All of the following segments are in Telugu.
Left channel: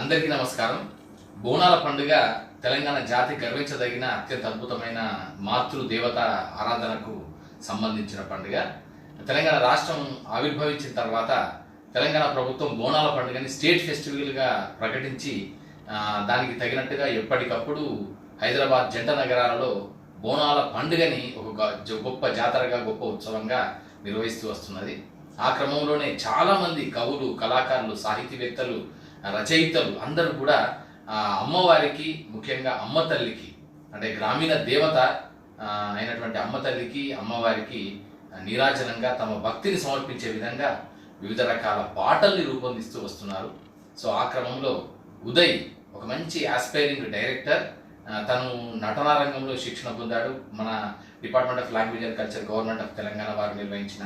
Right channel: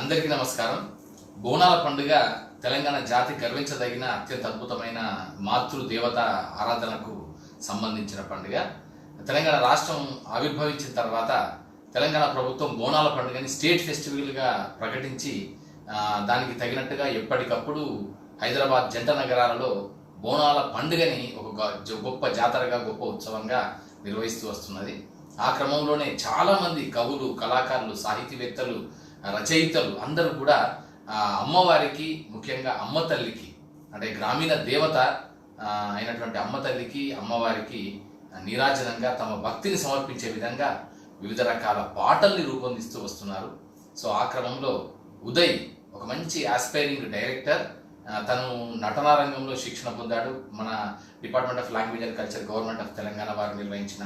అందరికీ నమస్కారం. బోనాల పండుగ తెలంగాణ జాతి గర్వించదగిన అత్యంత అద్భుతమైన మాతృ దేవత ఆరాధనకు సంబంధించిన పండుగ. తెలంగాణ రాష్ట్రం ఆవిర్భవించిన తర్వాత తెలంగాణ ప్రభుత్వం బోనాల పండుగని స్టేట్ ఫెస్టివల్గా ప్రకటించి దానికి తగినట్టుగా ఎప్పటికప్పుడు హైదరాబాద్ జంట నగరాలలో బోనాల పండుగని ఒక గొప్ప జాతరగా గొప్ప ఉత్సవంగా నిర్వహిస్తూ వస్తున్నది. ఆ క్రమంలోనే చాలామంది కవులు కళాకారులు సాహితీవేత్తలు రచయితలు అందరూ కూడా ఆ అమ్మవారికి ముఖ్యంగా అమ్మ తల్లికి అంటే గ్రామీణ దేవత అయినటువంటి అమ్మ తల్లికి అమ్మవారికి నీరాజనంగా తమ భక్తిని సమర్పించే విధంగా వివిధ రకాల పాటల్ని రూపొందిస్తూ వస్తున్నారు. సో ఆ క్రమంలో ఉదయ్ ఒక మంచి ఆస్పైరింగ్ డైరెక్టర్ తను నటనా రంగంలో శిక్షణ పొందాడు. మన department of language and culture government of Telangana వారు నిర్వహించిన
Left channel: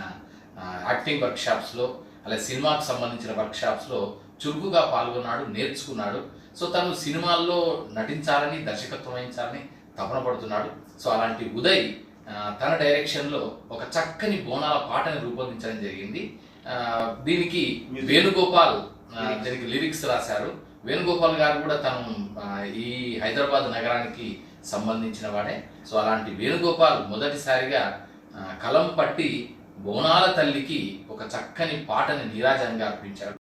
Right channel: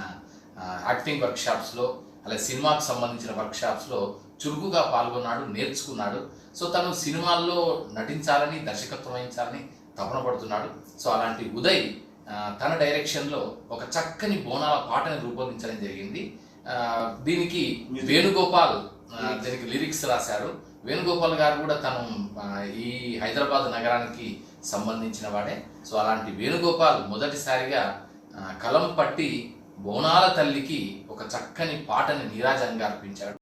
యాక్టింగ్ వర్క్షాప్స్లో అలాగే సినిమాకు సంబంధించిన వర్క్షాప్స్లో చురుకుగా పాల్గొన్నాడు నేర్చుకున్నాడు. సో తను సినిమాల్లో నటించాలని దర్శకత్వం వహించాలని తపన పడుతున్నాడు. సో అలాంటి ఉదయ్ తన డైరెక్షన్లో ఒక చక్కని బోనాల పాటని రూపొందించడం జరిగింది. దీనికి వేణుగోపాల్ దీనికి లిరిక్స్ రాశారు. వేణుగోపాల్ గారు కూడా తను ఈ హైదరాబాద్ నగరానికి సంబంధించిన వాడే. సో అలాంటి వేణుగోపాల్ మొదటిసారిగా కలం పట్టి బోనాల తల్లికి ఒక చక్కని పాటని నీరాజనంగా అర్పించాడు